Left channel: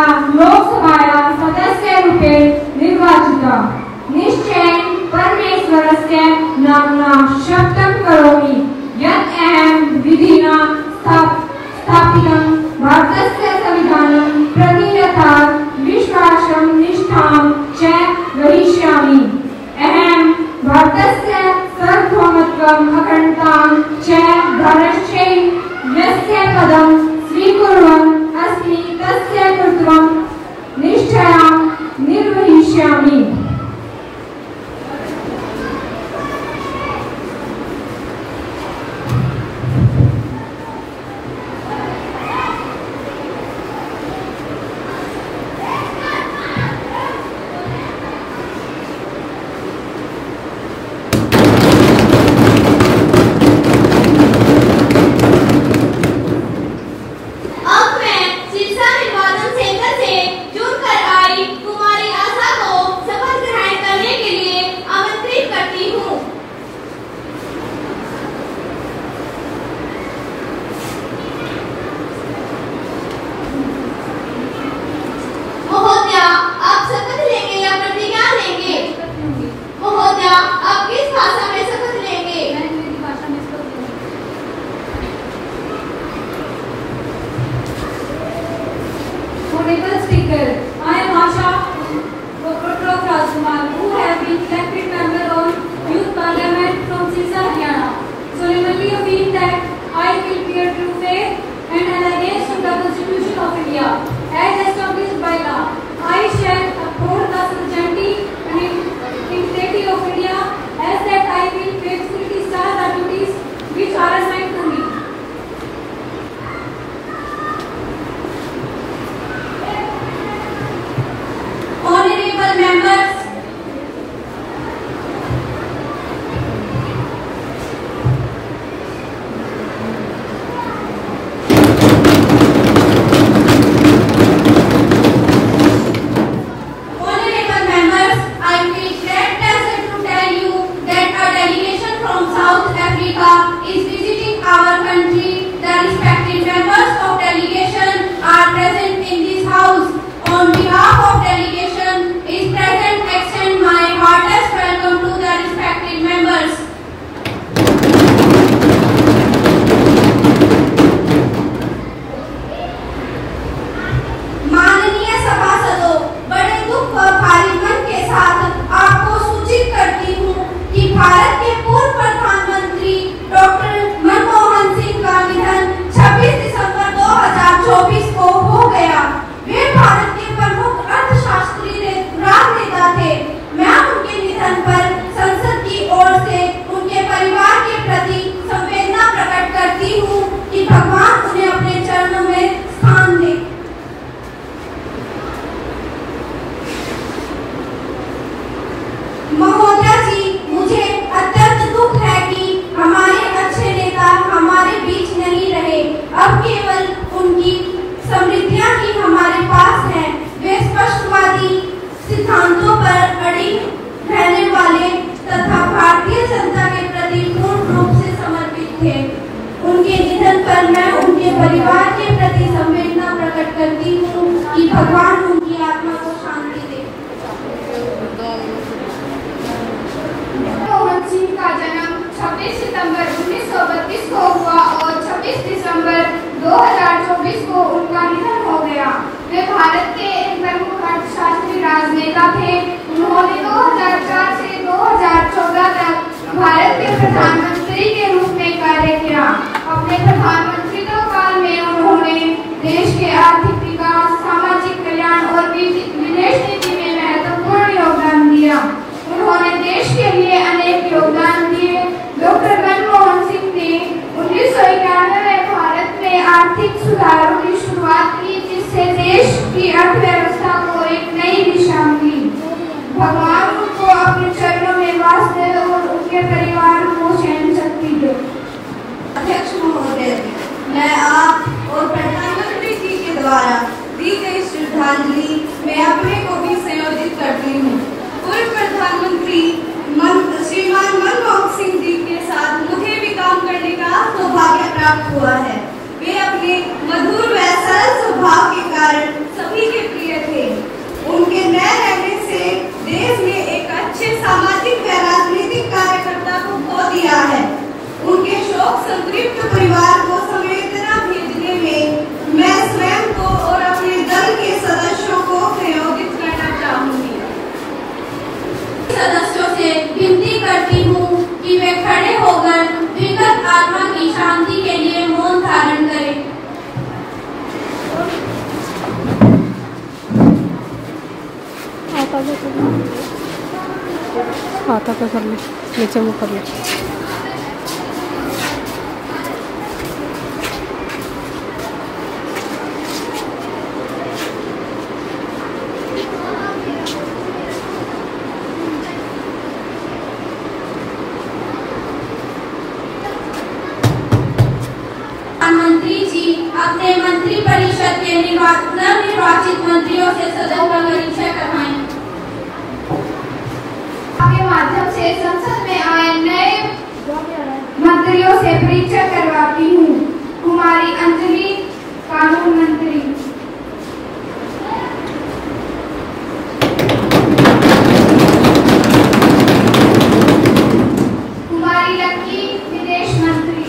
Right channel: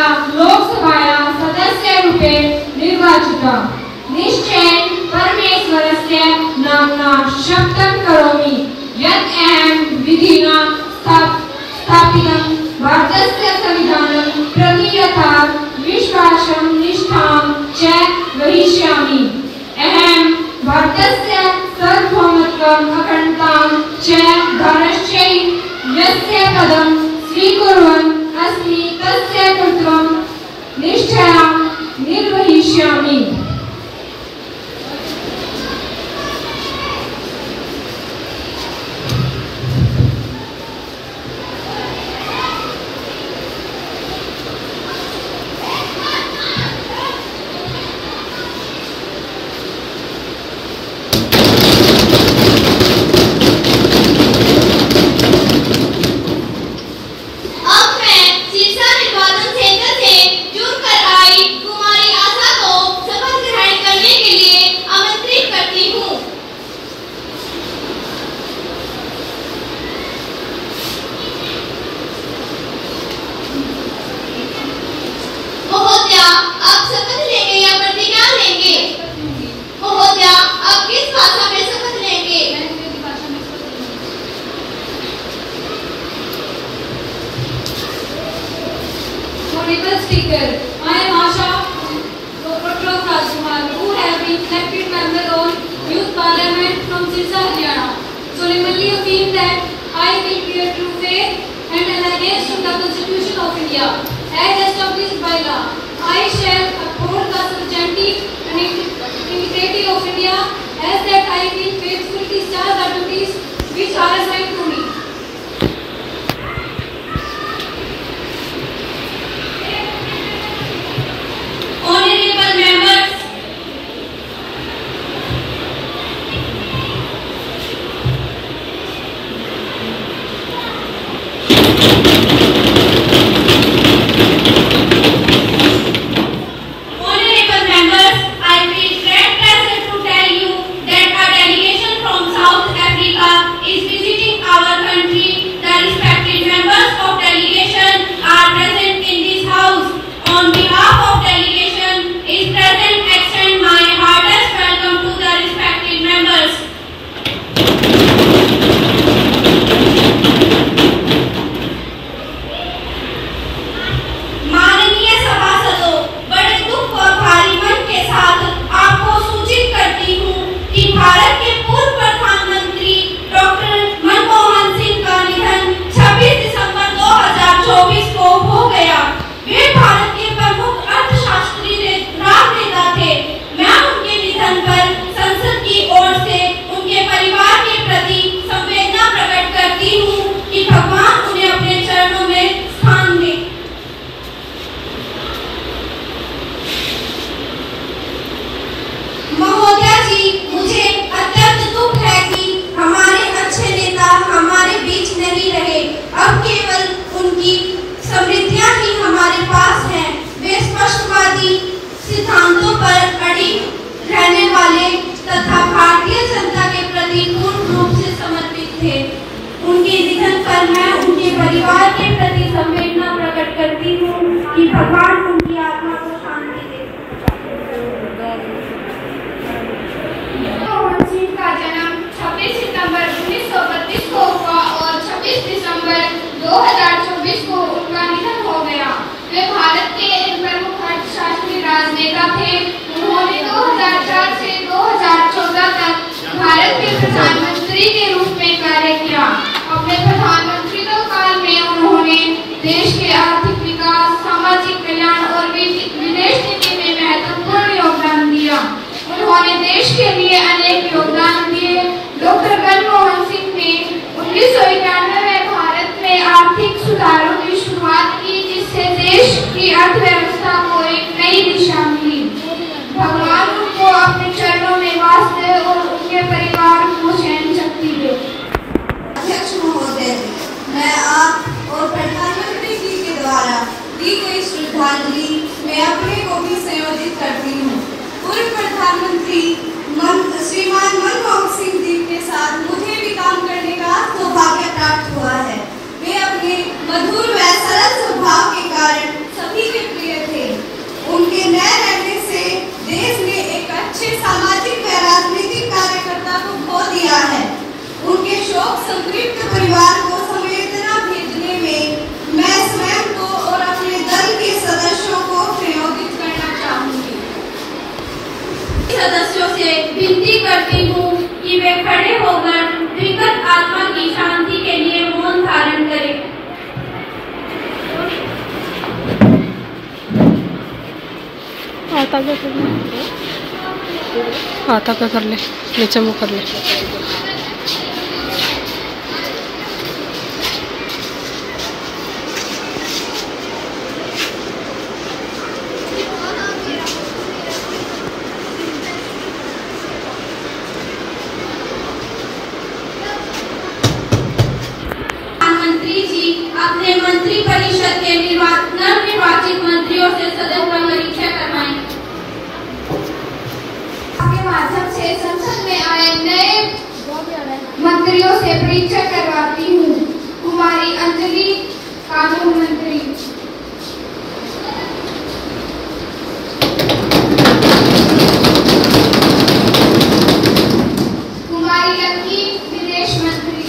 मया लोकसभायां सदस्यरूपेण निर्वाचितः। निश्चयेन परमेश्वरस्य नाम्ना शपथं करोमि यत् अहं विधिना स्थापितं भारतस्य संविधानं प्रति यथा विश्वासं निष्ठां च वहिष्यामि। अहं भारतस्य सार्वभौमत्वम् अखण्डतां च धर्मश्चैव यस्य पदं स्वीकुर्वन् अस्मि तस्य कर्तव्यं निष्ठया निर्वहिष्यामि। Honorable Speaker, I am Asha Prakash Rajkumar, who have been elected member of Youth Parliament from Sirsa, Haryana. Solemnly affirm that I will bear true faith and allegiance to the Constitution of India as established by law. I shall uphold the sovereignty and integrity of India, as that I will faithfully discharge the duties which are assigned to me. Honorable members, I feel great pleasure to tell you that a delegation from South Africa is visiting our country. The respected members of delegation are present in this house. On behalf of delegation is present, extend my heartiest welcome to the respected members. माननीय सभासदों, बड़े दुख और भारी मन के साथ आपको सूचित करती हूँ कि भारत के पूर्व प्रधानमंत्री डॉक्टर मनमोहन सिंह का निधन 26 दिसंबर 2024 को हो गया। वे भारत के प्रमुख अर्थशास्त्री राजनेता थे। मैं उनके निधन पर संसद की ओर से उनके परिवार के प्रति संवेदना प्रकट करती हूँ कि भगवान उन्हें अपने चरणों में स्थान दे। महोदया जी, मुझे अत्यंत दुख है कि हमारे अच्छे नेता हमारे बीच नहीं रहे। अब केवल उनकी समृद्धियां ही हमारे पास हैं। वे स्पष्टवादी सिद्धांतों पर अड़िग रहने वाले तथा भारतीय जनता के प्रति पूर्ण रूप से समर्पित थे। उनके निधन पर मैं उनके परिवार के प्रति संवेदना प्रकट करती हूँ कि भगवान उनकी आत्मा को शांति दे। मनमोहन सिंह का जन्म 26 सितंबर 1932 को हुआ और 26 दिसंबर 2024 को उनका निधन हो गया। वे भारत के एक प्रमुख अर्थशास्त्री राजनेता थे। उन्होंने 2004 से 2014 तक भारत के प्रधानमंत्री के रूप में कार्य किया। अपने प्रधानमंत्रित्व काल में उन्होंने देश के आर्थिक विकास, सामाजिक कल्याण और विदेश नीति में महत्वपूर्ण योगदान दिया। उन्होंने देश के लिए अनेक योगदान दिए। डॉक्टर मनमोहन सिंह ने 1991 में भारत में आर्थिक सुधारों की शुरुआत की, जिससे देश की अर्थव्यवस्था को एक नई दिशा मिली। भगवान उनको अपने चरणों में वास दे और उनके परिवार को सहन शक्ति दे। अध्यक्ष महोदय, मैं आप और प्रधानमंत्री जी के द्वारा दी गई श्रद्धांजलि में अपने को भी संयोजित करती हूँ। पूर्व प्रधानमंत्री श्रीमान मनमोहन सिंह जी के साथ मुझे भी काम करने का सौभाग्य प्राप्त हुआ है। वे अपने मधुर व सरल स्वभाव के कारण सभी के हाथा पे कर ले, नीचे मुँह कर ले। प्रधानमंत्री जी अपने मंत्रिपरिषद के नवनिर्वाचित मंत्रियों से सदन का परीक्षा करवाएंगे। आपके माध्यम से संसद में आए नए मंत्रियों से परीक्षा करवाती हूँ। कुमारी अंजलि, कानून मंत्री। कुमारी लक्की, विदेश मंत्री।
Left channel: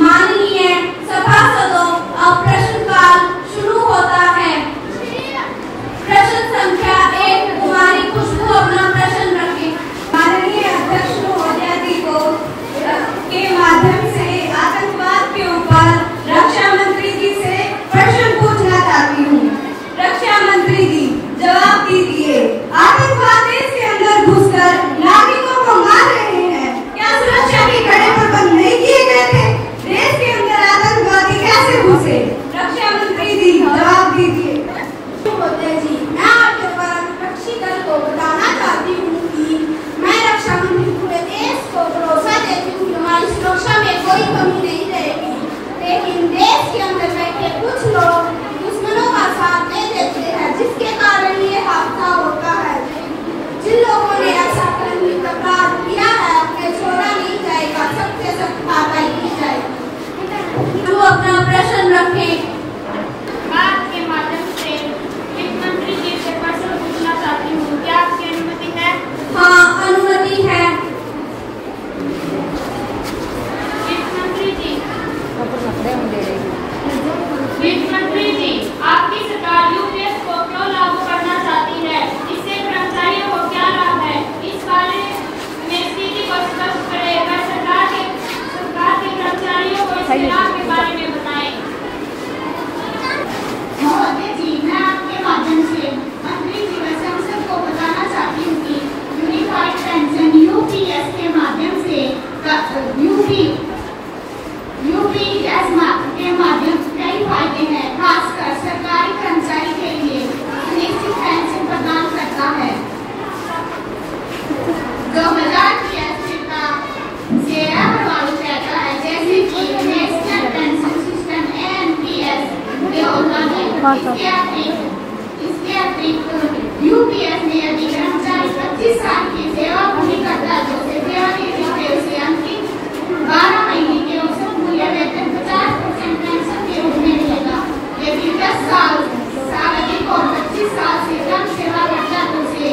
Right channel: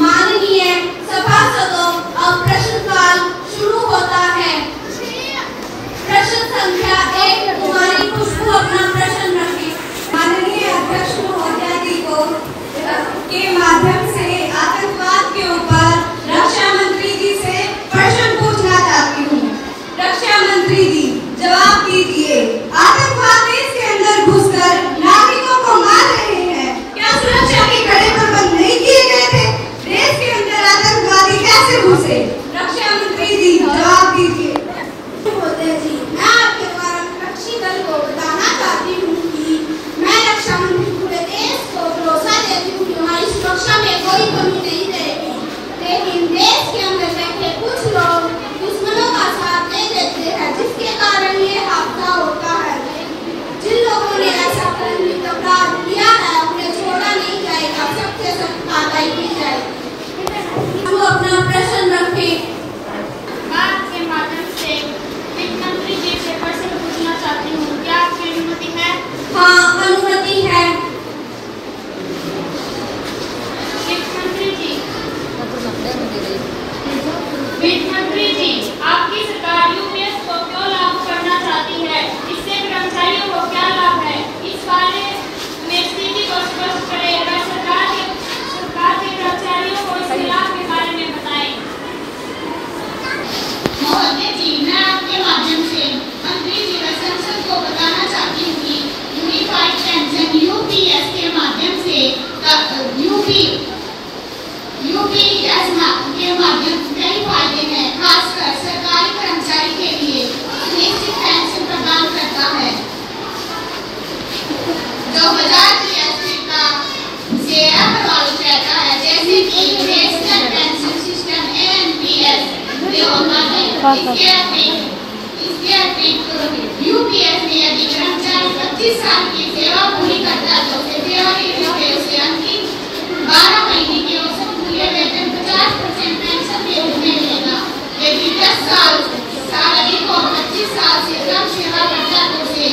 माननीय सभासदों, अब प्रश्नकाल शुरू होता है। प्रश्न संख्या 1, कुमारी खुशबू अपना प्रश्न रखें। माननीय अध्यक्ष महोदया जी को के माध्यम से आतंकवाद के ऊपर रक्षा मंत्री जी से प्रश्न पूछना चाहती हूँ। रक्षा मंत्री जी जवाब दीजिए। आतंकवाद देश के अंदर घुसकर नागरिकों को मार रहे हैं, क्या सुरक्षा के कड़े प्रबंध नहीं किए गए थे? देश के अंदर आतंकवादी कैसे घुसे? रक्षा मंत्री जी जवाब दीजिए। जी, मैं आपके विपक्षी दल को बताना चाहती हूँ कि मैं रक्षा मंत्री पूरे देश को भरोसा देती हूँ कि हमारी सुरक्षा में कोई कमी नहीं रहेगी, लेकिन देश के अंदर बैठे कुछ लोग दुश्मनों का साथ दे देते हैं, जिसके कारण ये हादसा होता है। जिन लोगों ने ऐसा करने का अपराध किया है, उन्हें छोड़ा नहीं जाएगा, सबके सख्त कार्रवाई की जाएगी। जो अपना प्रश्न रखें। बात के माध्यम से वित्त मंत्री जी से प्रश्न पूछना चाहती हूँ, क्या आपकी अनुमति है? हाँ, अनुमति है। वित्त मंत्री जी, वित्त मंत्री जी, आपकी सरकार यूपीएस को क्यों लागू करना चाहती है? इससे कर्मचारियों को क्या लाभ है? इस बारे में स्थिति को स्पष्ट करें व सरकार के कर्मचारियों को इसके लाभ के बारे में बताएं। महोदय जी, मैं आपके माध्यम से मंत्री जी व संसद को बताना चाहती हूँ कि यूनिफाइड पेंशन यूपीएस के माध्यम से यूपीएस के माध्यम कई फायदे हैं, खासकर सरकारी कर्मचारी के लिए निश्चित पेंशन प्रदान करता है, जो बाजार की अस्थिरता से अप्रभावित रहता है, जैसे कि नेशनल पेंशन सिस्टम एनपीएस। इसके अतिरिक्त यूपीएस में यदि कर्मचारी 25 साल की सेवा पूरी करता है तो उसे अंतिम 12 महीने के औसत मूल्य वेतन 50% पेंशन के रूप में मिलेगा। यदि 10 साल अधिक और 25 साल से कम सेवा करता है तो उसे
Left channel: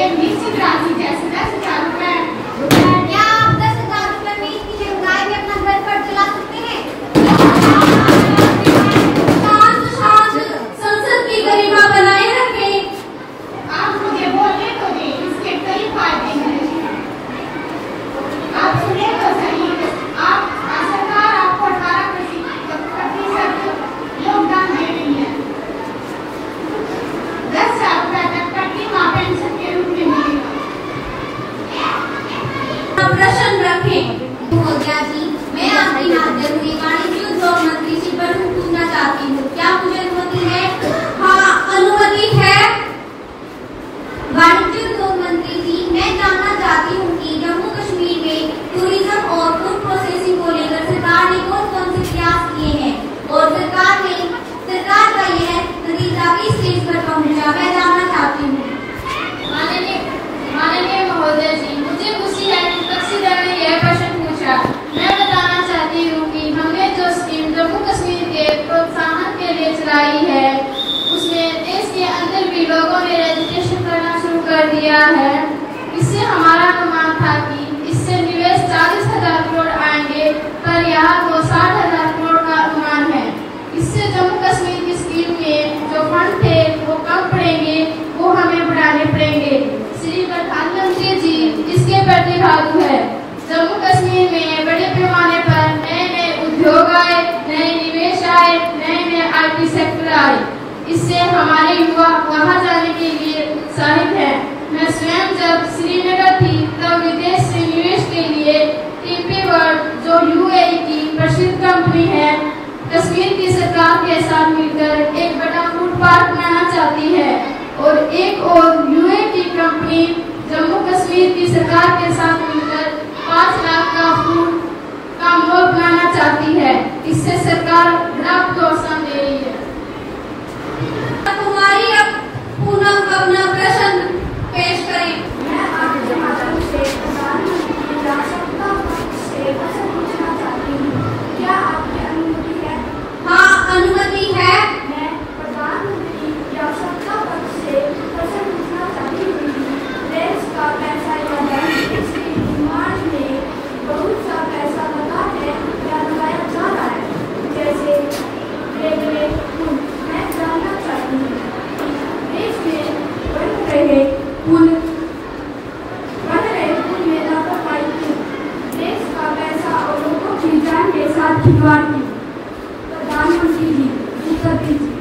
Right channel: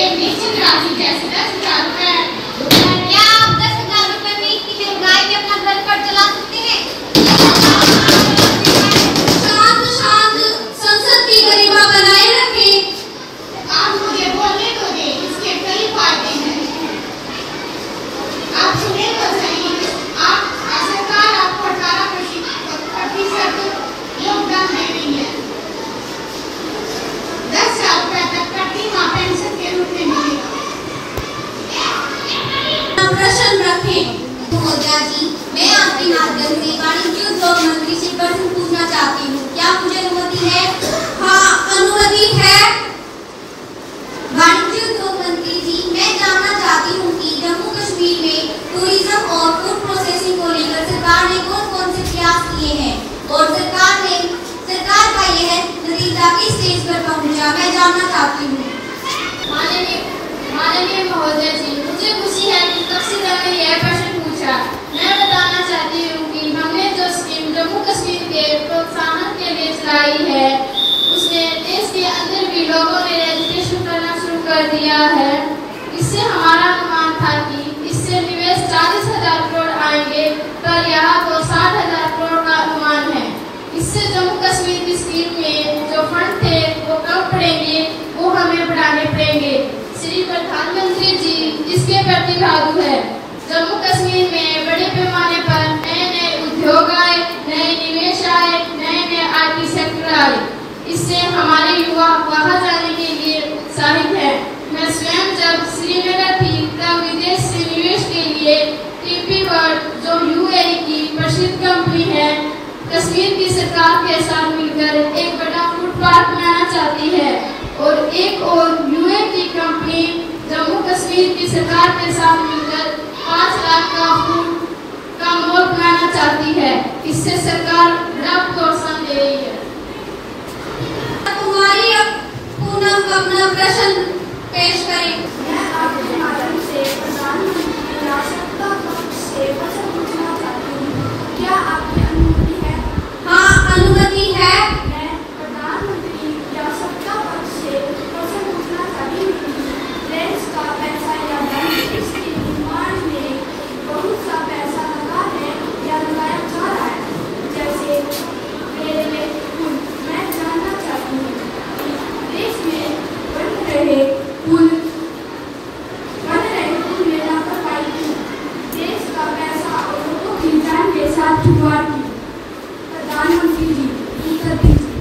एक निश्चित राशि जैसे 10,000 रुपए। क्या आप 10,000 रुपए में इतनी महंगाई में अपना घर पर चला सकते हैं? संसद की गरिमा बनाए रखें। आप मुझे बोलने तो दे, इसके कई फायदे हैं, आप सुने तो सही। सरकार आपको 18% योगदान दे रही है, 10,000 रुपए तक कटनी मां पेंशन के रूप में मिलेगा। प्रश्न रखें। महोदया जी, मैं आपके माध्यम से वाणिज्य उद्योग मंत्री से प्रश्न पूछना चाहती हूँ, क्या मुझे अनुमति है? हाँ, अनुमति है। वाणिज्य उद्योग मंत्री जी, मैं जानना चाहती हूँ कि जम्मू कश्मीर में टूरिज्म और फूड प्रोसेसिंग को लेकर सरकार ने कौन-कौन से प्रयास किए हैं और सरकार का यह नतीजा किस स्टेज पर पहुँचा, मैं जानना चाहती हूँ। माननीय महोदय जी, मुझे खुशी है कि विपक्षी दल ने यह प्रश्न पूछा। मैं बताना चाहती हूँ कि हमने जो स्कीम जम्मू कश्मीर के प्रोत्साहन के लिए चलाई है, उसमें देश के अंदर भी लोगों ने रजिस्ट्रेशन करना शुरू कर दिया है। इससे हमारा अनुमान था कि इससे निवेश 40,000 करोड़ आएंगे, पर यहाँ तो 60,000 करोड़ का अनुमान है। इससे जम्मू कश्मीर की स्कीम में जो फंड थे वो कम पड़ेंगे, वो हमें बढ़ाने पड़ेंगे। श्री प्रधानमंत्री जी इसके प्रतिभागी है। जम्मू कश्मीर में बड़े पैमाने पर नए उद्योग आए, नए निवेश आए, नए के साथ मिलकर 5 लाख का फूड का मॉल बनाना चाहती है। इससे सरकार बड़ा प्रोत्साहन दे रही है। कुमारी अब पूनम अपना प्रश्न पेश करें। मैं आपके माध्यम से प्रधानमंत्री की आवश्यकता से प्रश्न पूछना चाहती हूँ, क्या आपकी अनुमति है? हाँ, अनुमति है। मैं प्रधानमंत्री की आवश्यकता से प्रश्न पूछना चाहती हूँ। देश का पैसा या धन इसके निर्माण में बहुत सा पैसा लगा है या लगाया जा रहा है, जैसे रेलवे पुल। मैं जानना चाहती हूँ देश में बन रहे पुल में लापरवाही क्यों? देश का पैसा और लोगों की जान के साथ खिलवाड़ क्यों? प्रधानमंत्री जी उत्तर दीजिए।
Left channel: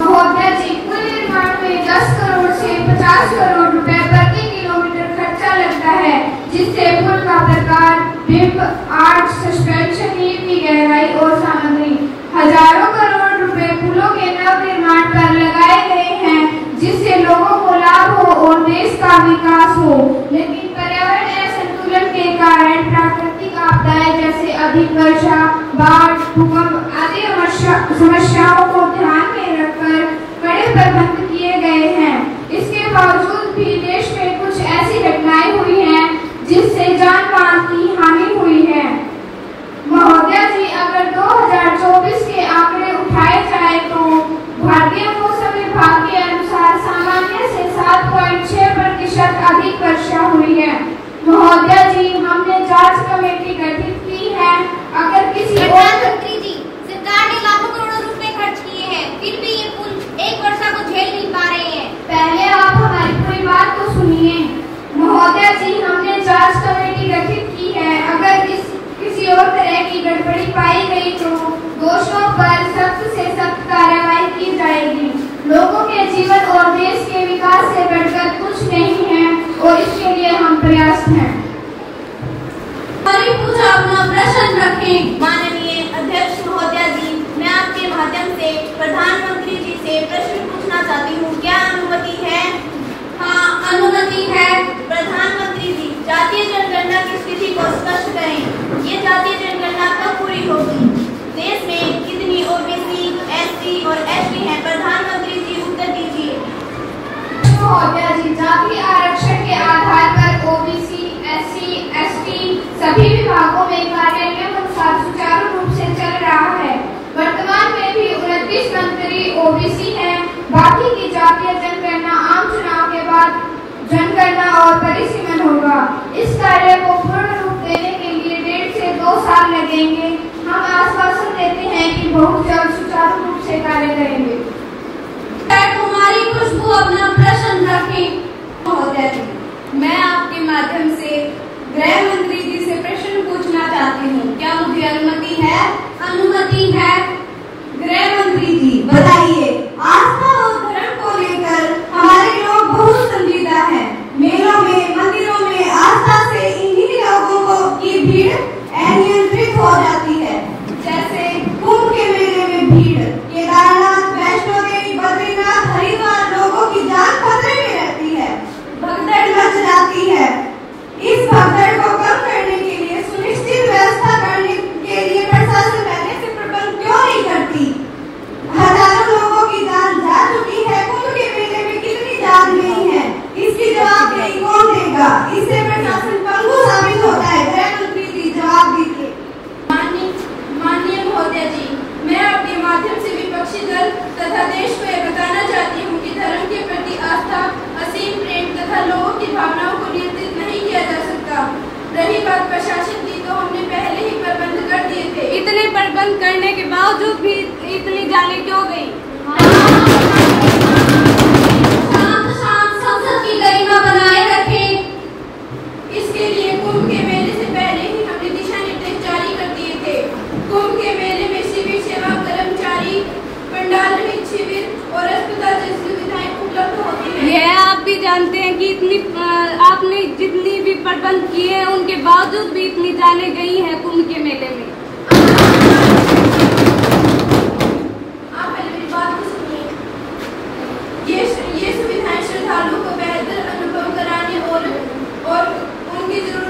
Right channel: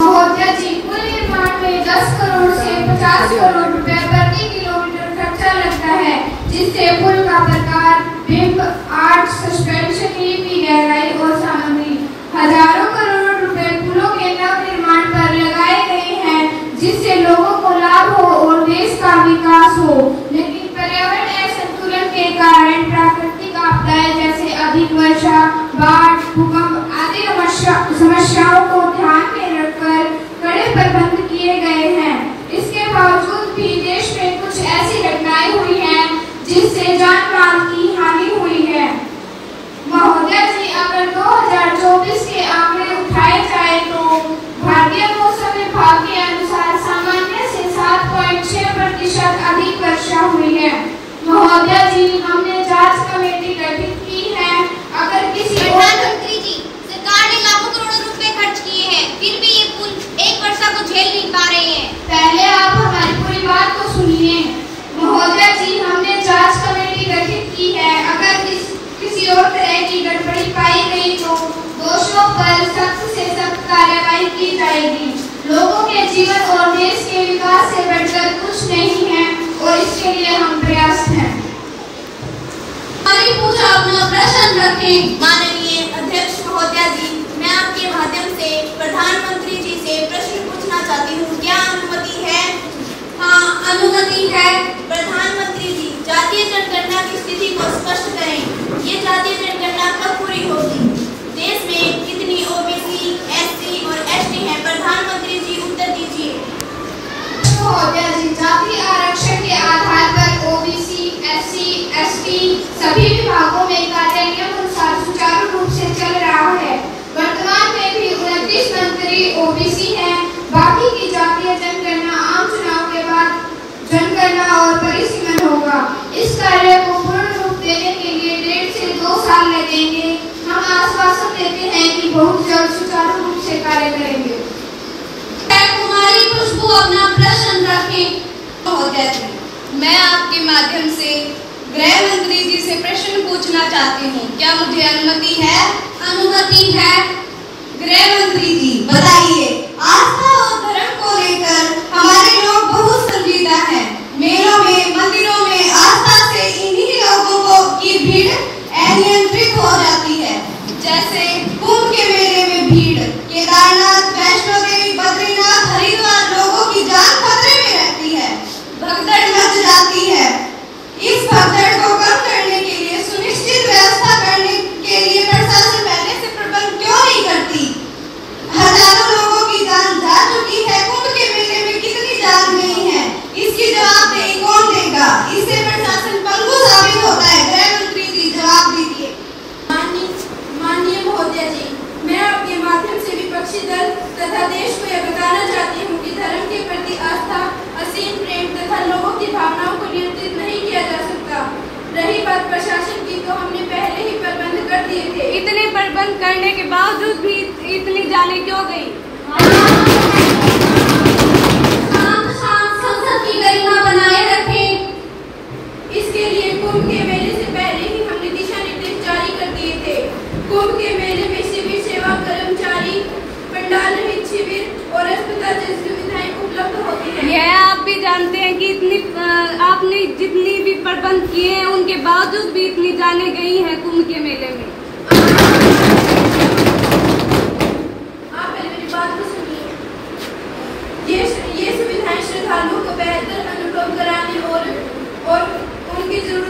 महोदय जी, पुल निर्माण में 10 करोड़ से 50 करोड़ रुपए प्रति किलोमीटर खर्चा लगता है, जिससे पुल का प्रकार, बिंब, आर्च, सस्पेंशन, लीपी, गहराई और सामग्री, हजारों करोड़ रुपए पुलों के नव निर्माण पर लगाए गए हैं, जिससे लोगों को लाभ हो और देश का विकास हो। लेकिन पर्यावरणीय संतुलन के कारण प्राकृतिक आपदाएं जैसे अधिक वर्षा, बाढ़, भूकंप आदि समस्याओं को ध्यान में रखकर कड़े प्रबंध किए गए हैं। इसके बावजूद भी देश में कुछ ऐसी घटनाएं हुई हैं जिससे जान माल की हानि हुई है। महोदय जी, अगर 2024 के आंकड़े उठाए जाए तो भारतीय मौसम विभाग के अनुसार सामान्य से 7.6% अधिक वर्षा हुई है। महोदय जी, हमने जांच कमेटी गठित की है। अगर किसी प्रधानमंत्री जी, सरकार ने लाखों करोड़ों रुपए खर्च किए हैं, फिर भी ये पुल एक वर्षा को झेल नहीं पा रहे हैं। पहले आप हमारी पूरी बात तो सुनिए। महोदय जी, हमने जांच कमेटी गठित की है। अगर किसी और तरह की गड़बड़ी पाई गई तो दोषियों पर सख्त से सख्त कार्रवाई की जाएगी। लोगों के जीवन और देश के विकास से बढ़कर कुछ नहीं है और इसके लिए हम प्रयास हैं। पूजा अपना प्रश्न रखें। माननीय अध्यक्ष महोदया जी, मैं आपके माध्यम से प्रधानमंत्री जी से प्रश्न पूछना चाहती हूँ, क्या अनुमति है? हाँ, अनुमति है। प्रधानमंत्री जी, जातीय जनगणना की स्थिति को स्पष्ट करें। ये जातीय जनगणना कब पूरी होगी? देश में कितनी ओबीसी, एससी और एसटी हैं? प्रधानमंत्री जी उत्तर दीजिए। महोदय जी, जाति आरक्षण के आधार पर ओबीसी, एससी, एसटी सभी विभागों में कार्य नियम अनुसार सुचारू रूप से चल रहा है। वर्तमान में भी 29 मंत्री ओबीसी हैं। बाकी की जातीय जनगणना आम चुनाव के बाद जनगणना और परिसीमन होगा। इस कार्य को पूर्ण रूप देने के लिए 1.5 से 2 साल लगेंगे। हम आश्वासन देते हैं कि बहुत जल्द सुचारू रूप से कार्य करेंगे। कुमारी खुशबू अपना प्रश्न रखें। महोदय जी, मैं आपके माध्यम से गृह मंत्री जी से प्रश्न पूछना चाहती हूँ, क्या मुझे अनुमति है? अनुमति है। गृह मंत्री जी, बताइए, आस्था और धर्म को लेकर हमारे लोग बहुत संजीदा हैं। मेलों में, मंदिरों में आस्था से इन्हीं लोगों की भीड़ अनियंत्रित हो जाती है। जैसे कुंभ के मेले में भीड़, केदारनाथ, वैष्णो देवी, बद्रीनाथ, हरिद्वार, लोगों की जान खतरे में रहती है, भगदड़ मच जाती है। इस भगदड़ को कम करने के लिए सुनिश्चित व्यवस्था करने के लिए प्रशासन पहले से प्रबंध क्यों नहीं करती? हजारों लोगों की जान जा चुकी है, कुंभ के मेले में कितनी जान गई है, इसकी जवाबदेही कौन देगा? इससे प्रशासन पंगु साबित होता है। गृह मंत्री जी, जवाब दीजिए। माननीय महोदय जी, मैं आपके माध्यम से विपक्षी दल तथा देश को यह बताना चाहती हूँ कि धर्म के प्रति आस्था, असीम प्रेम तथा लोगों की भावनाओं को नियंत्रित नहीं किया जा सकता। रही बात प्रशासन की, तो हमने पहले ही प्रबंध कर दिए थे। इतने प्रबंध करने के बावजूद भी इतनी जाने क्यों गई? शांत संसद की गरिमा बनाए रखें। इसके लिए कुंभ के मेले से पहले ही हमने दिशा निर्देश जारी कर दिए थे। कुंभ के मेले में शिविर सेवा कर्मचारी, पंडाल रहित शिविर और अस्पताल जैसी सुविधाएं उपलब्ध होती हैं। यह आप भी जानते हैं कि आपने जितनी भी प्रबंध किए हैं उनके बावजूद भी इतनी जाने गई हैं कुंभ के मेले में। आप पहले मेरी बात को सुनिए। ये सुविधाएं श्रद्धालुओं को बेहतर अनुभव कराने और उनकी जरूरत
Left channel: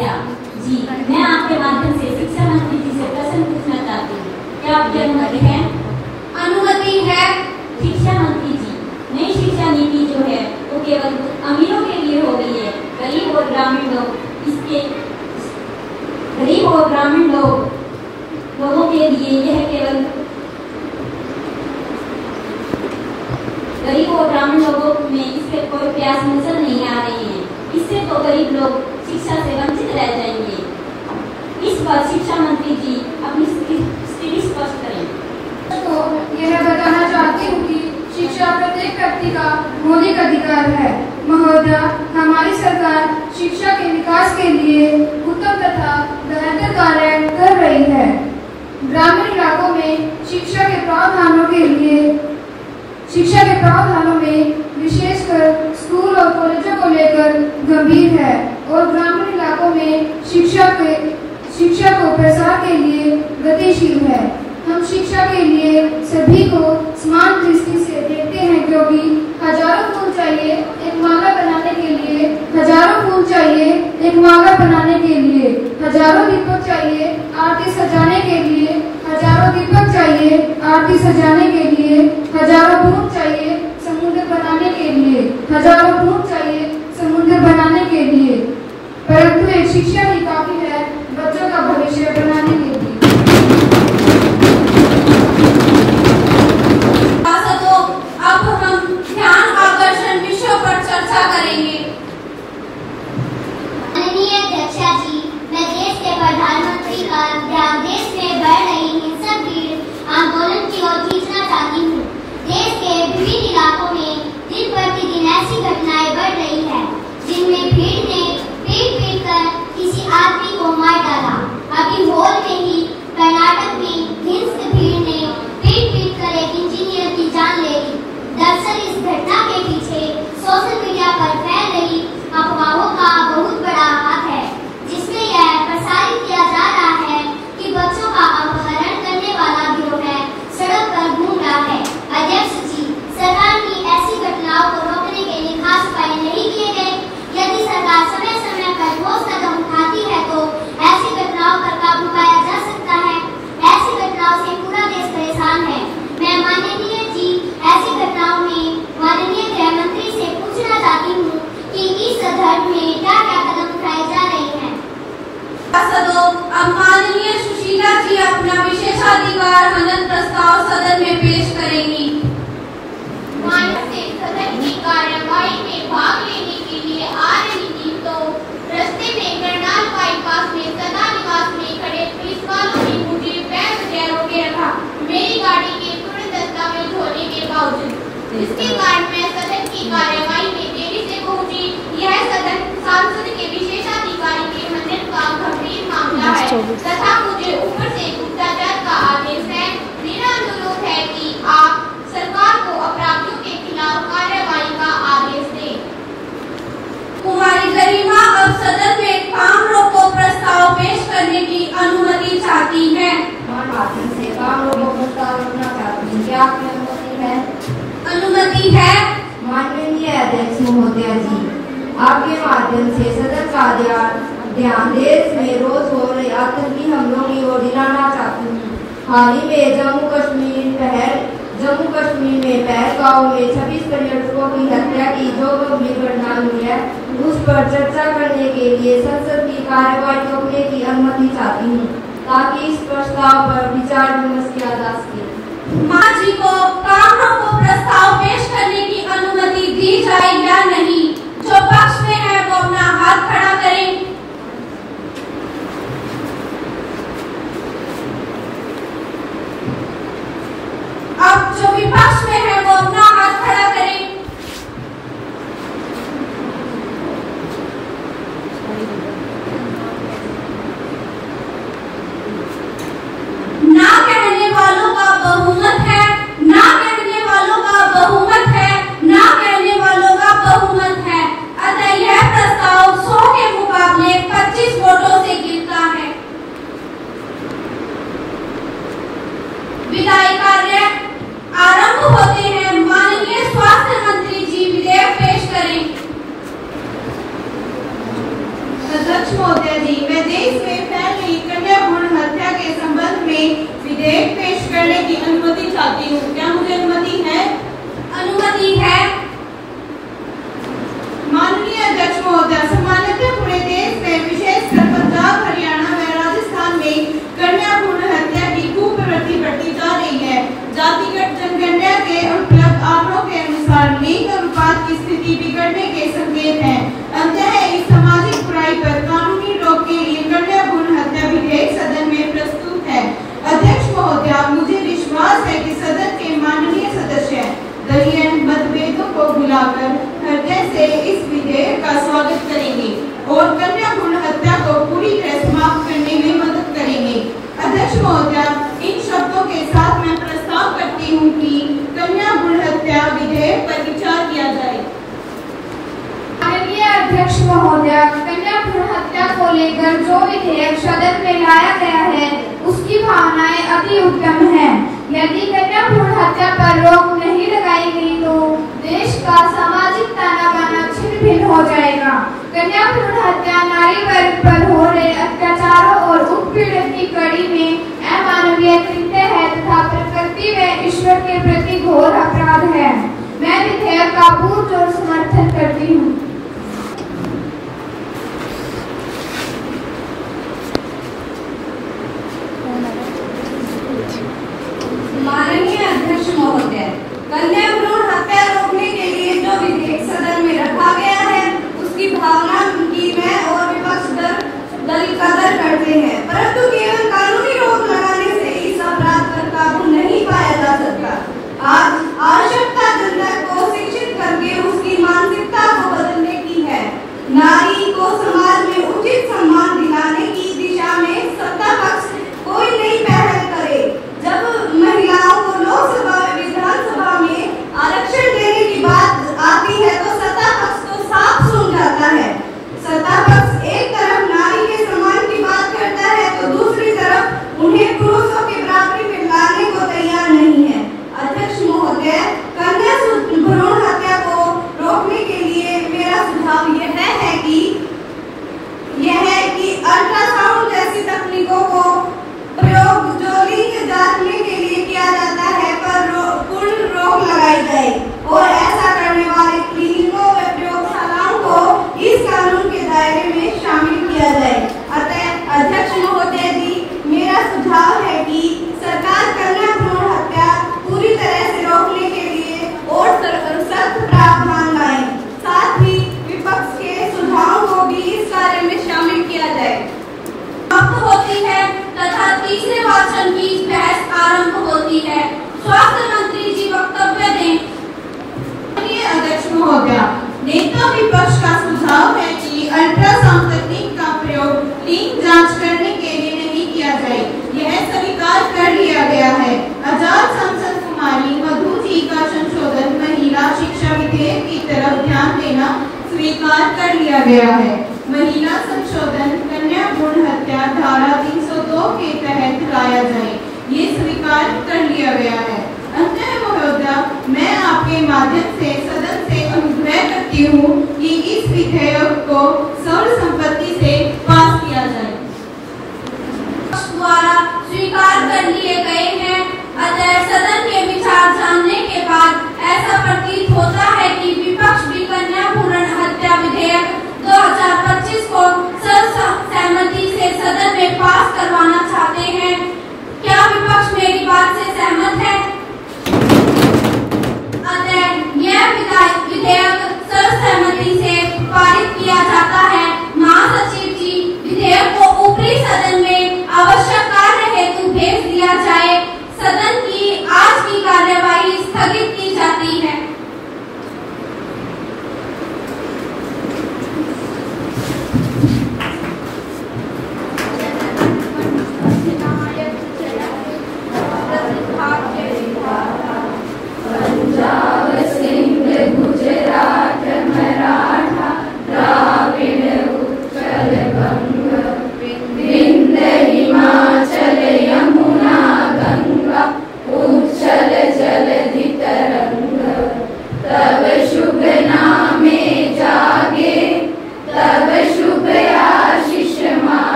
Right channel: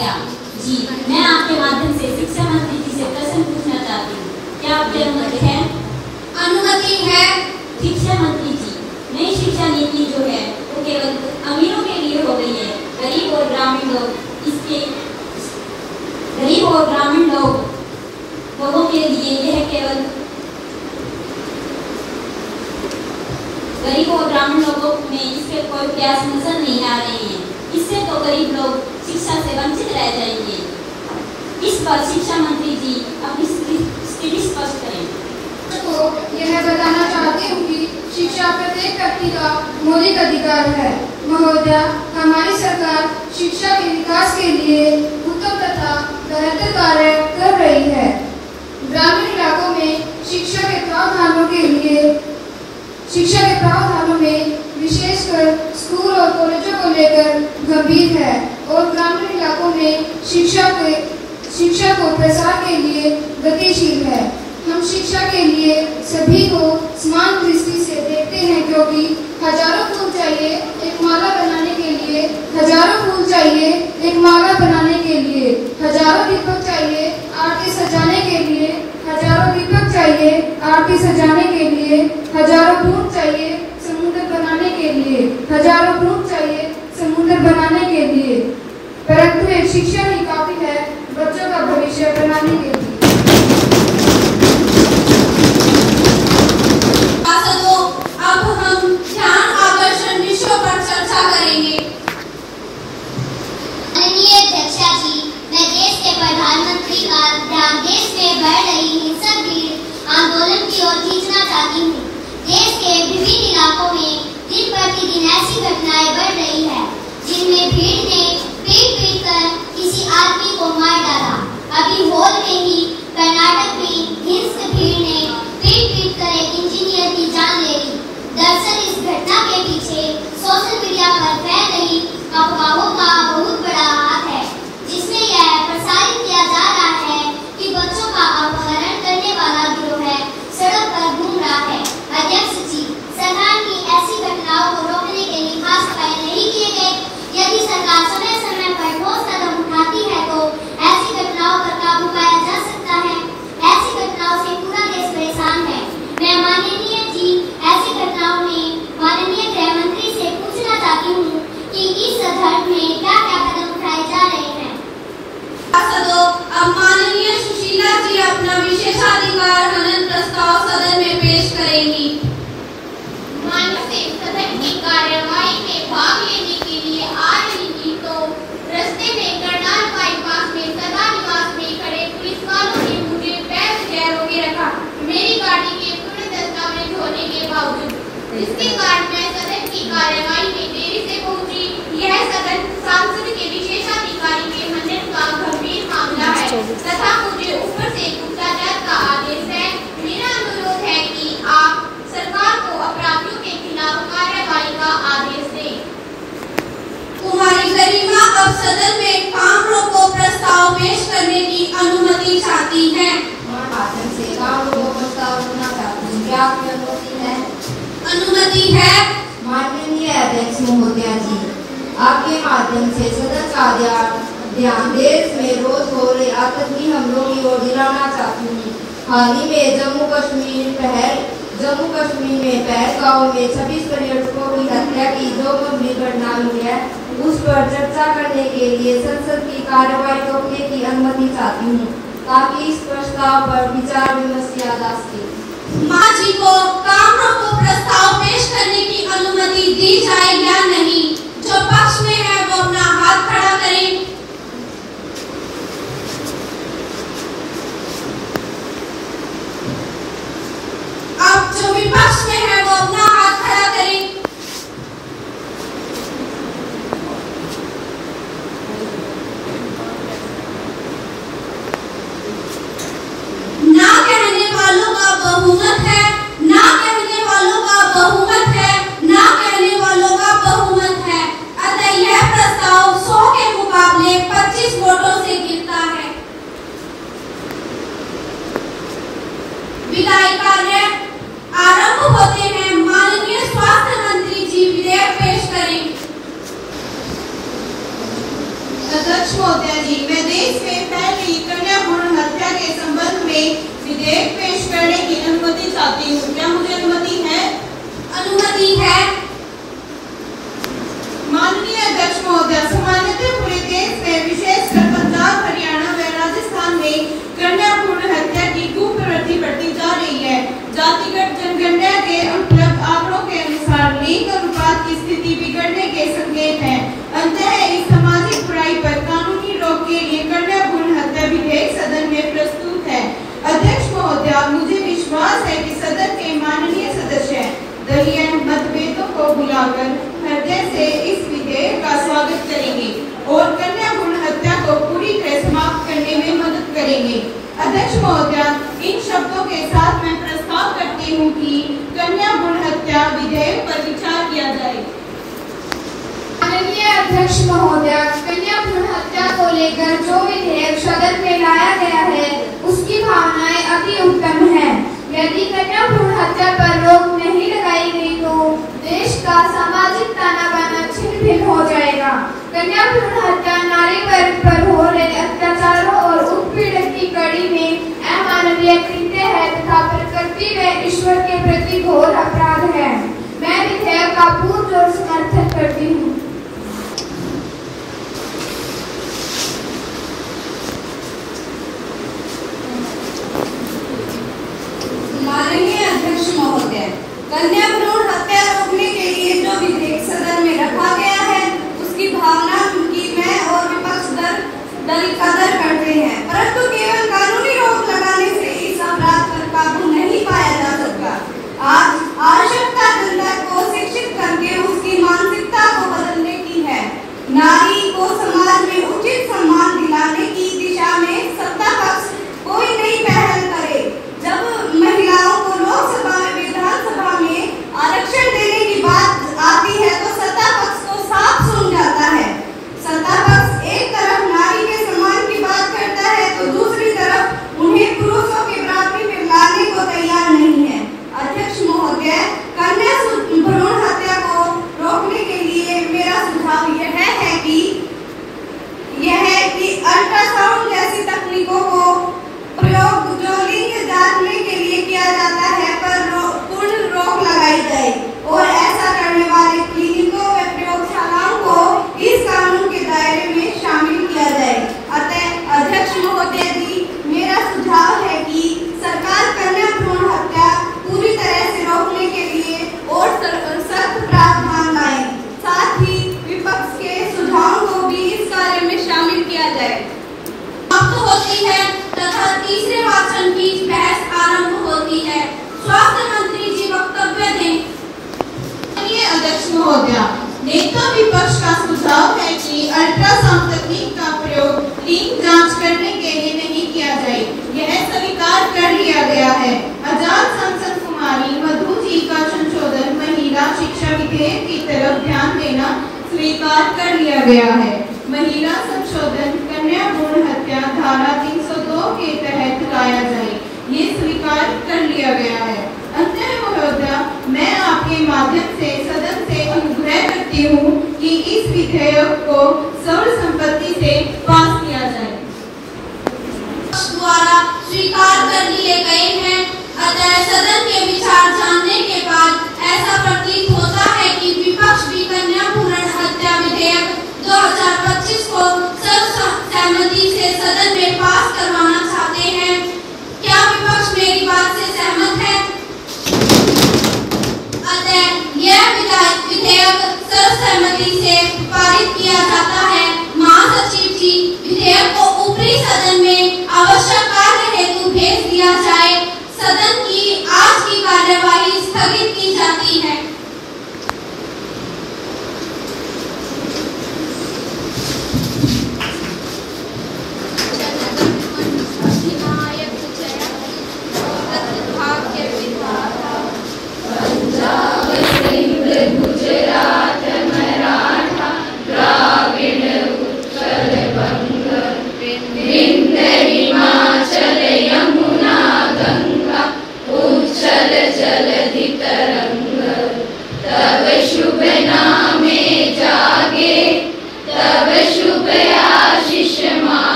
क्या? जी, मैं आपके माध्यम से शिक्षा मंत्री जी से प्रश्न पूछना चाहती हूँ। क्या आपकी अनुमति है? अनुमति है। शिक्षा मंत्री जी, नई शिक्षा नीति जो है वो केवल अमीरों के लिए हो गई है। गरीब और ग्रामीण लोगों के लिए यह केवल गरीब और ग्रामीण लोगों में इसके कोई प्रयास नजर नहीं आ रहे हैं। इससे तो गरीब लोग शिक्षा से वंचित रह जाएंगे। इस पर शिक्षा मंत्री जी अपनी स्थिति स्पष्ट करें। तो यह बताना चाहती हूँ कि शिक्षा प्रत्येक व्यक्ति का मौलिक अधिकार है। महोदय, हमारी सरकार शिक्षा के विकास के लिए उत्तम तथा बेहतर कार्य कर रही है। ग्रामीण इलाकों में शिक्षा के प्रावधानों में विशेषकर स्कूल और कॉलेजों को लेकर गंभीर है और ग्रामीण इलाकों में शिक्षा को प्रसार के लिए गतिशील है। हम शिक्षा के लिए सभी को समान दृष्टि से देखते हैं, क्योंकि हजारों फूल चाहिए एक माला बनाने के लिए, हजारों फूल चाहिए एक माला बनाने के लिए, हजारों दीपक चाहिए आरती सजाने के लिए, हजारों दीपक चाहिए आरती सजाने के लिए, हजारों बूंद चाहिए समुद्र बनाने के लिए, हजारों बूंद चाहिए समुद्र बनाने के लिए, परंतु एक शिक्षा ही काफी है बच्चों का भविष्य बनाने के लिए। अब हम ध्यान आकर्षण विषयों पर चर्चा करेंगे। माननीय अध्यक्षा जी, मैं देश के प्रधानमंत्री का ध्यान देश में बढ़ रही हिंसक भीड़ आंदोलन की ओर खींचना चाहती हूँ। देश के विभिन्न इलाकों में दिन प्रतिदिन ऐसी घटनाएं बढ़ रही है जिनमें भीड़ ने पीट कर किसी आदमी को मार डाला। अभी हाल में ही कर्नाटक में हिंसक भीड़ ने पीट कर एक इंजीनियर की जान ले ली। दरअसल इस घटना के पीछे सोशल मीडिया पर फैल रही अफवाहों का बहुत बड़ा हाथ है, जिसमें यह प्रसारित किया जा रहा है कि बच्चों का अपहरण करने वाला गिरोह है सड़क पर घूम रहा है। अध्यक्ष जी, सरकार की ऐसी घटनाओं को रोकने के लिए खास उपाय नहीं किए गए। यदि सरकार समय समय पर ठोस कदम उठाती है तो ऐसी घटनाओं पर काबू पाया जा सकता है। ऐसी घटनाओं से पूरा देश परेशान है। मैं माननीय जी ऐसी घटनाओं में माननीय गृह मंत्री से पूछना चाहती हूँ कि इस संदर्भ में क्या क्या कदम उठाए जा रहे हैं। अब माननीय सुशीला जी अपना विशेषाधिकार हनन प्रस्ताव सदन में पेश करेंगी। मान्य से सदन की कार्यवाही में भाग लेने के लिए आ रही थी तो रास्ते में करनाल बाईपास में सदा निवास में खड़े पुलिस वालों ने मुझे बैग से रोके रखा, मेरी गाड़ी के पूरे दस्तावेज होने के बावजूद, जिसके कारण मैं सदन की कार्यवाही में देरी से पहुंची। यह सदन सांसद के विशेषाधिकारी के हनन का गंभीर मामला है तथा मुझे ऊपर से गुप्तचर का आदेश है। मेरा अनुरोध है कि आप सरकार को अपराधियों के खिलाफ कार्यवाही का आदेश दें। तुम्हारी गरिमा अब सदन में काम रोको प्रस्ताव पेश करने की अनुमति चाहती है। माध्यम से काम रोको प्रस्ताव रखना चाहती हूँ। क्या आपकी अनुमति है? अनुमति है। माननीय अध्यक्ष महोदया जी, आपके माध्यम से सदन का ध्यान देश में रोज हो रहे आतंकी हमलों की ओर दिलाना चाहती हूँ। हाल ही में जम्मू कश्मीर में पहलगांव में 26 पर्यटकों की हत्या की जो गंभीर घटना हुई है, उस पर चर्चा करने के लिए संसद की कार्यवाही रोकने की अनुमति चाहती हूँ, ताकि इस प्रस्ताव पर विचार विमर्श किया जा सके। मां जी को काम रोको प्रस्ताव पेश करने की अनुमति दी जाए या नहीं? जो पक्ष में है वो अपना हाथ खड़ा करें। अब जो विपक्ष में है वो अपना हाथ खड़ा करें। ना कहने वालों का बहुमत है, ना कहने वालों का बहुमत है, ना कहने वालों का बहुमत है। जी, मैं देश में फैल रही कन्या भ्रूण हत्या के संबंध में विधेयक पेश करने की अनुमति चाहती हूँ। क्या मुझे अनुमति है? अनुमति है। माननीय अध्यक्ष महोदय, सामान्यतः पूरे देश में विशेषकर पंजाब, हरियाणा व राजस्थान में कन्या भ्रूण हत्या की कुप्रवृत्ति बढ़ती जा रही है। जातिगत जनगणना के उपलब्ध आंकड़ों के अनुसार लिंग अनुपात की स्थिति बिगड़ने के संकेत हैं। अंततः इस सामाजिक बुराई पर कानूनी रोक के लिए कन्या भ्रूण हत्या विधेयक सदन में प्रस्तुत है। अध्यक्ष महोदय, मुझे विश्वास है कि सदन के माननीय सदस्य दलीय मतभेदों को भुलाकर हृदय से इस विधेयक का स्वागत करेंगे और कन्या भ्रूण हत्या को पूरी तरह समाप्त करने में मदद करेंगे। अध्यक्ष महोदय, इन शब्दों के साथ मैं प्रस्ताव करती हूँ कि कन्या भ्रूण हत्या विधेयक पर विचार किया जाए। माननीय अध्यक्ष महोदय, कन्या भ्रूण हत्या को लेकर जो विधेयक सदन में लाया गया है उसकी भावनाएं अति उत्तम है। यदि कन्या भ्रूण हत्या पर रोक नहीं लगाई गई तो देश का सामाजिक ताना बाना छिन्न भिन्न हो जाएगा। कन्या भ्रूण हत्या नारी वर्ग पर हो रहे अत्याचारों और उत्पीड़न की कड़ी में अमानवीय कृत्य है तथा प्रकृति व ईश्वर के प्रति घोर अपराध है। मैं विधेयक का पुरजोर समर्थन करती हूँ। माननीय अध्यक्ष महोदय, कन्या भ्रूण हत्या रोकने के लिए जो विधेयक सदन में रखा गया है उसकी भावना की मैं और विपक्ष कदर करते हैं, परंतु केवल कानूनी रोक लगाने से इस अपराध पर काबू नहीं पाया जा सकता। आज आवश्यकता जनता को शिक्षित करके उसकी मानसिकता को बदलने की है। नारी को समाज में उचित सम्मान दिलाने की दिशा में सत्ता पक्ष कोई नई पहल करे। जब महिलाओं को लोकसभा व विधानसभा में आरक्षण देने की बात आती है तो सत्ता पक्ष को साफ सुन जाता है। सत्ता पक्ष एक तरफ नारी के सम्मान की बात करता है तो दूसरी तरफ उन्हें पुरुषों के बराबरी में लाने को तैयार नहीं है। अध्यक्ष महोदय, कन्या भ्रूण हत्या को रोकने के लिए मेरा सुझाव यह है कि अल्ट्रासाउंड जैसी तकनीकों को प्रयोग जो लिंग जांचने के लिए किया जाता है पर पूर्ण रोक लगाई जाए और ऐसा करने वाले क्लिनिकों व प्रयोगशालाओं को इस कानून के दायरे में शामिल किया जाए। अतः अध्यक्ष महोदय जी, मेरा सुझाव है कि सरकार कन्या भ्रूण हत्या पूरी तरह से रोकने के लिए और सख्त प्रावधान लाए। साथ ही विपक्ष के सुझावों को भी इस कार्य में शामिल किया जाए। समाप्त होती है तथा तीसरे वाचन की बहस आरंभ होती है। स्वास्थ्य मंत्री जी वक्तव्य दें। अध्यक्ष महोदय, नेता विपक्ष का सुझाव है कि अल्ट्रासाउंड तकनीक का प्रयोग लिंग जांच करने के लिए नहीं किया जाए। यह स्वीकार कर लिया गया है। आजाद सांसद कुमारी मधु जी का संशोधन महिला शिक्षा विधेयक की तरफ ध्यान देना स्वीकार कर लिया गया है। महिला संशोधन कन्या भ्रूण हत्या धारा 302 के तहत लाया जाए, ये स्वीकार कर लिया गया है। अंततः महोदय, मैं आपके माध्यम से सदन से अनुग्रह करती हूँ कि इस विधेयक को सर्वसम्मति से पास किया जाए। द्वारा स्वीकार कर लिए गए हैं। अतः सदन के विचार जानने के बाद ऐसा प्रतीत होता है कि विपक्ष भी कन्या भ्रूण हत्या विधेयक 2025 को सर्वसम्मति से सदन में पास करवाना चाहते हैं। क्या विपक्ष मेरी बात से सहमत है? अतः यह विधेयक सर्वसम्मति से पारित किया जाता है।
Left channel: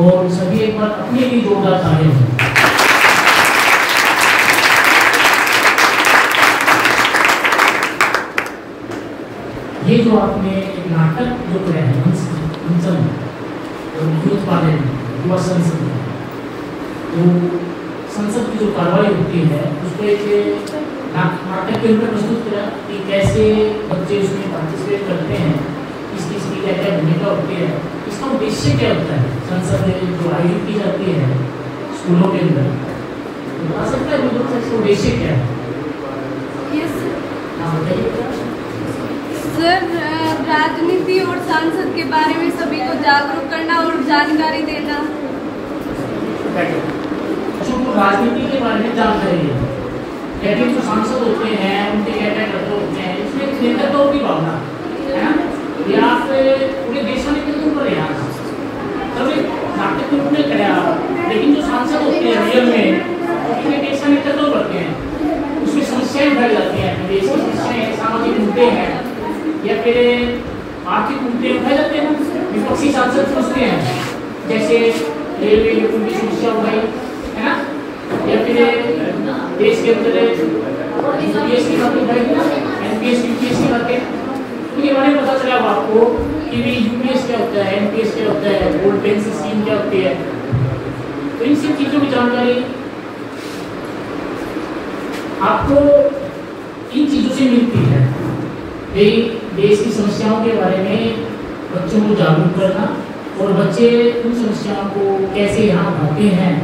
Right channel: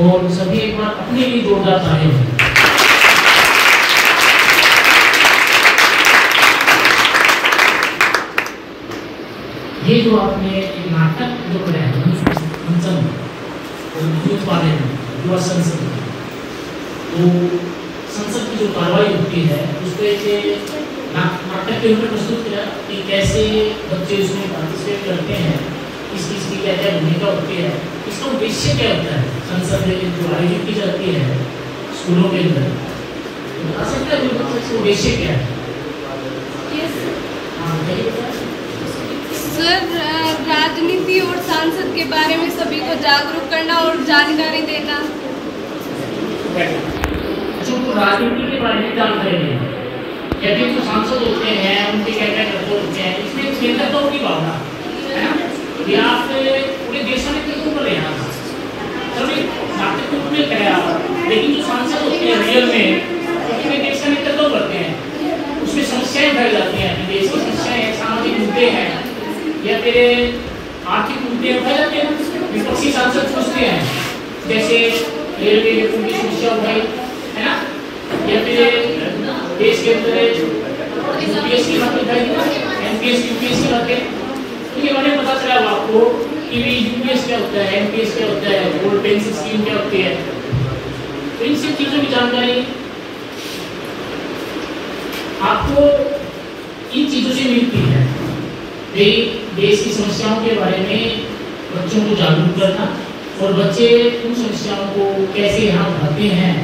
और सभी एक बार अपने लिए जोरदार तालियां हों। ये जो आपने एक नाटक जो कराया है यूथ पार्लियामेंट युवा संसद, तो संसद की जो कार्रवाई होती है उस पर नाटक के ऊपर प्रस्तुत किया कि कैसे बच्चे उसमें पार्टिसिपेट करते हैं, किस चीज़ की क्या क्या भूमिका होती है, इसका उद्देश्य क्या होता है, संसद में जो आयोजित की जाती है स्कूलों के अंदर, बता सकते हैं उसका उद्देश्य क्या है? हाँ बताइए सर। राजनीति और सांसद के बारे में सभी को जागरूक करना और जानकारी देना। तो राजनीति के बारे में जानकारी देना, कहते हैं जो सांसद होते हैं उनके क्या क्या कर्तव्य होते हैं, इसमें नेतृत्व की भावना है ना, ये आप पूरे देश में नेतृत्व कर रहे हैं सभी नाटक के रूप में कराया, लेकिन जो सांसद होते हैं रियल में उसमें देश का नेतृत्व करते हैं, उसमें समस्याएं उठाई जाती हैं, देश की समस्याएं, सामाजिक मुद्दे हैं या फिर आर्थिक मुद्दे उठाए जाते हैं। विपक्षी सांसद सोचते हैं जैसे रेलवे की समस्या उठाई है ना, या फिर देश के अंदर यूपीएस की बात उठाई ना, एनपीएस यूपीएस की बातें, उनके बारे में पता चला आपको कि भी यूपीएस क्या होता है, एनपीएस क्या होता है, गोल्ड पेंशन स्कीम क्या होती है, तो इन सब चीज़ों की जानकारी आपको इन चीज़ों से मिलती है। देश की समस्याओं के बारे में बच्चों को जागरूक करना और बच्चे उन समस्याओं को कैसे यहाँ उठाते हैं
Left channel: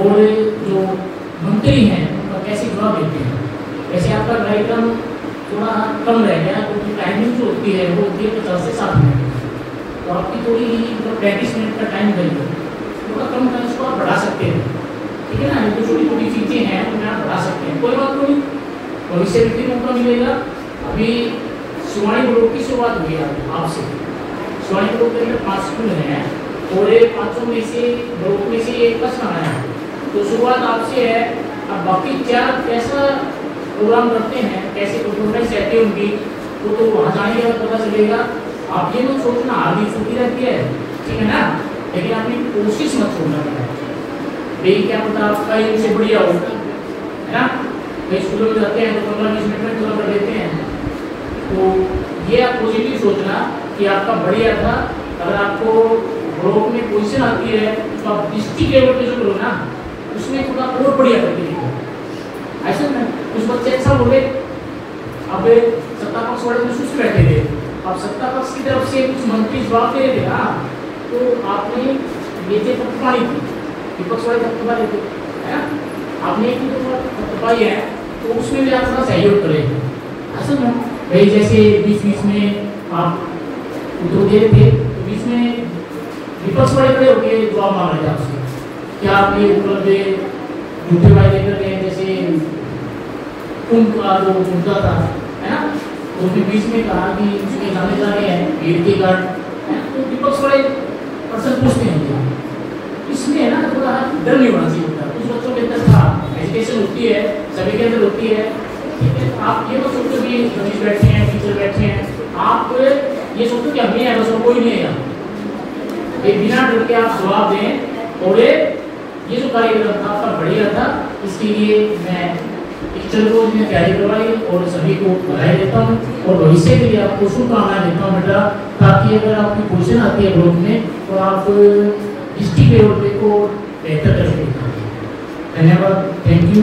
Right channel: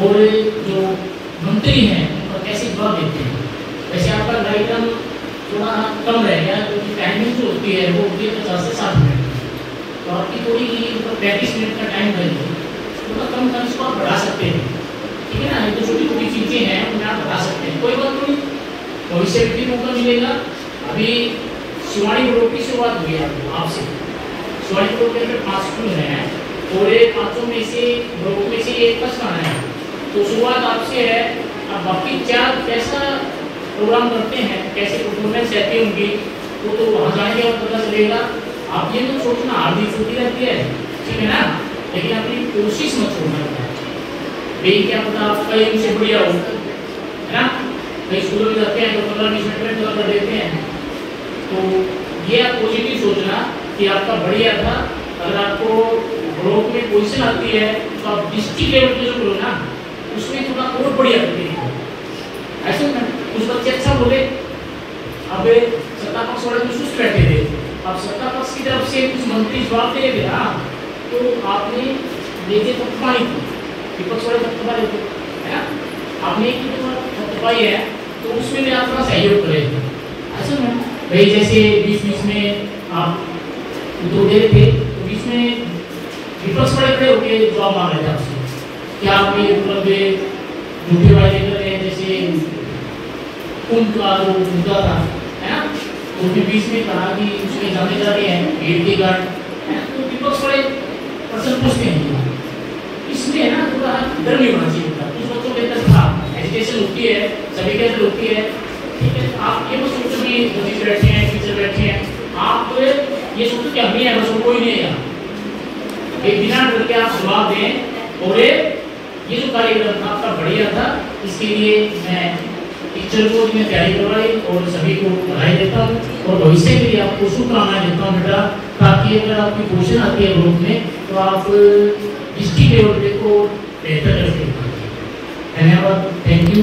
और जो मंत्री हैं उनका कैसे जवाब देते हैं। वैसे आपका कार्यक्रम थोड़ा कम रह गया क्योंकि टाइमिंग जो होती है वो होती है 50 से 60 मिनट, तो आपकी थोड़ी 35 मिनट का टाइम देंगे, थोड़ा कम कर इसको आप बढ़ा सकते हैं, ठीक है ना। ये तो छोटी छोटी चीज़ें हैं उन्हें आप बढ़ा सकते हैं, कोई बात नहीं, भविष्य में भी मौका मिलेगा। अभी शिवानी ग्रुप की शुरुआत हुई है आपसे, शिवानी ग्रुप के अंदर 5 स्कूल हैं और 5 में से ग्रुप में से एक फर्स्ट आना है, तो शुरुआत आपसे है। अब बाकी 4 कैसा प्रोग्राम करते हैं, कैसे परफॉर्मेंस रहती है उनकी, वो तो वहाँ जाने के बाद पता चलेगा। आप ये मत सोचना हार भी छोटी रहती है, ठीक है ना, लेकिन अपनी कोशिश मत छोड़ना भाई, क्या पता आपका ये उनसे बढ़िया हो, है ना। कई स्कूलों में जाते हैं तो 15-20 मिनट में पूरा कर देते हैं, तो ये आप पॉजिटिव सोचना कि आपका बढ़िया था। अगर आपको ब्लॉक में पोजीशन आती है तो आप डिस्ट्रिक्ट लेवल पे जो करो ना उसमें थोड़ा और बढ़िया करके देखो, ऐसा ना कुछ बच्चे अच्छा बोले, अब सत्ता पक्ष वाले कुछ सुस्त बैठे थे, अब सत्ता पक्ष की तरफ से कुछ मंत्री जवाब दे रहे थे ना, तो आपने लेके थपथपाई थी, विपक्ष वाले थपथपा रहे थे, है ना, आपने एक थपथपाई है तो उसमें भी आप थोड़ा सहयोग करें, ऐसा ना भाई। जैसे बीच में आप उत्तर दे रहे थे तो बीच में विपक्ष वाले खड़े होकर जवाब मांग रहे थे आपसे, क्या आप ये मतलब झूठे वायदे कर रहे हैं, जैसे उनका जो मुद्दा था, है ना, तो भी बीच में कहा कि उसमें जाने जा रहे हैं भीड़ के कारण, तो विपक्ष वाले प्रश्न पूछते हैं, इसलिए ना थोड़ा डर नहीं होना चाहिए था। कुछ बच्चों के अंदर था, एजुकेशन होती है, सभी के अंदर होती है, ठीक है। आप ये मत सोचो कि रमेश बैठे हैं, टीचर बैठे हैं, आप ये सोचो कि हम ही है, बस और कोई नहीं है। एक बिना डर के आप जवाब दें और ये जो कार्यक्रम था आपका बढ़िया था, इसके लिए मैं टीचर को मैं तैयारी करवा ली और सभी को बधाई देता हूँ और भविष्य के लिए आपको शुभकामनाएं देता हूँ बेटा, ताकि अगर आपकी पोजीशन आती है ग्रुप में तो आप डिस्ट्रिक्ट लेवल पे को बेहतर कर सकते हैं। धन्यवाद, थैंक यू।